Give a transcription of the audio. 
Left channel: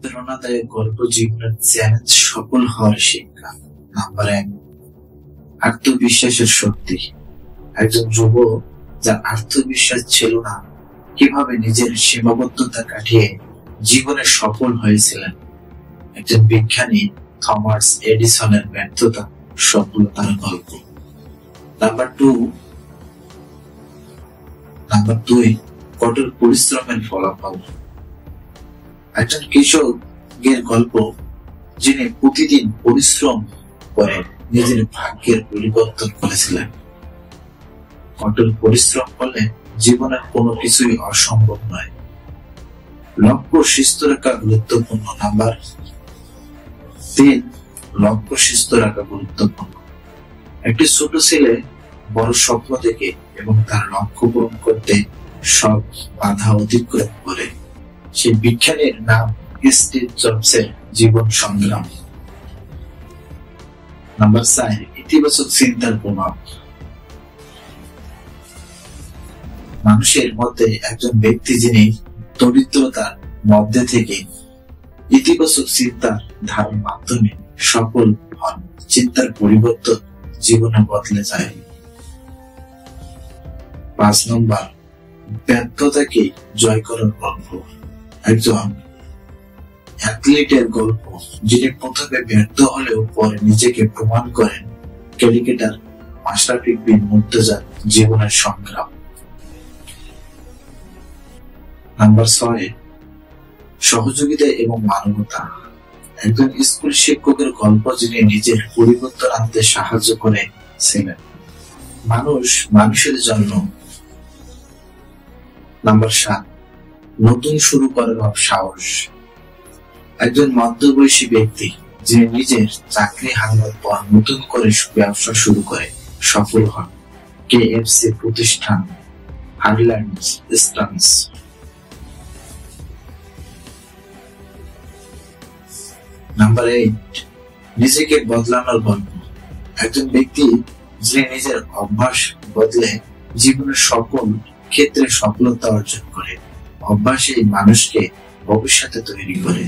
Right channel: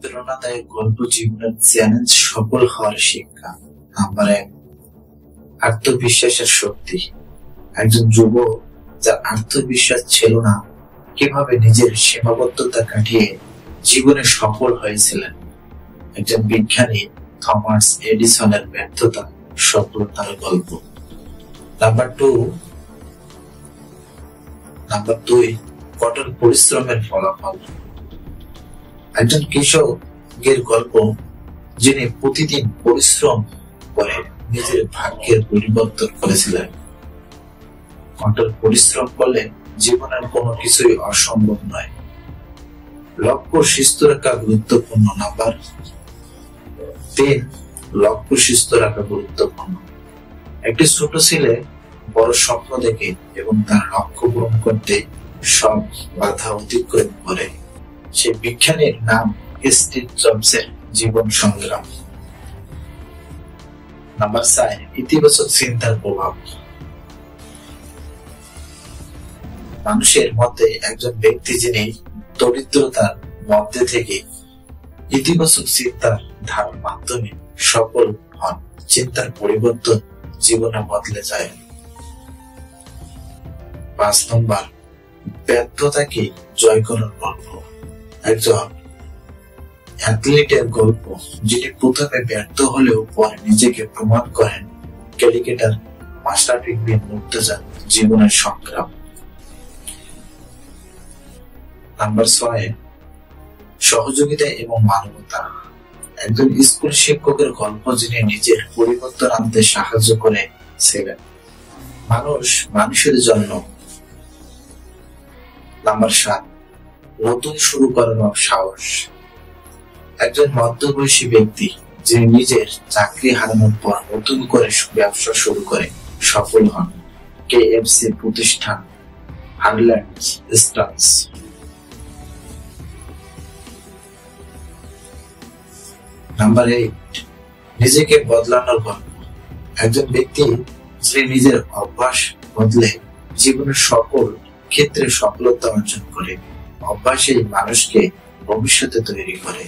প্রেরণাদায়ক গল্প জীবনের চ্যালেঞ্জ সফল হওয়ার শিক্ষা। নাম্বার 1, আত্মবিশ্বাসের শক্তি। একজন যুবক যার আত্মবিশ্বাস ছিল না কিভাবে নিজের সীমাবদ্ধতা কাটিয়ে জীবনে সফল হয়েছিলেন। একজন বিজ্ঞানী থমাস এডিসনের ব্যর্থতা সফলতার গল্প। নাম্বার 2, কঠোর পরিশ্রমের ফলাফল। একজন কৃষকের গল্প যিনি প্রতিদিন পরিশ্রম করে নিজের ভাগ্যের পরিবর্তন করেছিলেন। কঠোর পরিশ্রম করলে জীবনের কোনো কিছুই অসম্ভব নয়। লক্ষ্য সুস্থ রাখা গুরুত্বপূর্ণ। নাম্বার 3, লক্ষ্য সুস্থ রাখা গুরুত্বপূর্ণ। একটি ছোট ছেলে বড় স্বপ্ন দেখে এবং তার লক্ষ্য পূরণ করতে সব বাধা অতিক্রম করে। সেই বিজ্ঞানীর নাম স্টিভ জবসের জীবন সংগ্রাম। নাম্বার 4, ইতিবাচক চিন্তার প্রভাব। মানুষের মধ্যে একজন ব্যক্তি যিনি দরিদ্রতার মধ্যে থেকে ইতিবাচক চিন্তার ধারার মাধ্যমে সফল হন। চিন্তার পরিবর্তন জীবনে বদলে যায়। 5 নম্বর, ব্যর্থতাকে জয় করার গল্প। একজন অ্যাথলিটের গল্প যিনি প্রথমে ব্যর্থ হলেও পরে নিজেকে প্রমাণ করেন। ক্রিকেটার মাশরাফি বিন মুর্তজা জীবনের সংগ্রাম। নাম্বার 6, সহযোগিতা এবং মানবতা। একজন স্কুল শিক্ষকের গল্প যিনি নিজের পরিবর্তন আনতে সাহায্য করেছিলেন মানুষ মানুষের জন্য। নাম্বার 7, নতুন শুরু করার সাহস। একজন মধ্যবয়সী ব্যক্তি যিনি নিজের চাকরি হারানোর পর নতুন করে ব্যবসা শুরু করে সফল হন। KFC প্রতিষ্ঠান হার্ল্যান্ড স্টান্স। নাম্বার 8, নিজেকে বদলানোর গল্প। একজন ব্যক্তি যিনি নিজের অভ্যাস বদলে জীবনের সকল ক্ষেত্রে সফলতা অর্জন করে। অভ্যাসই মানুষকে ভবিষ্যতে তৈরি করে।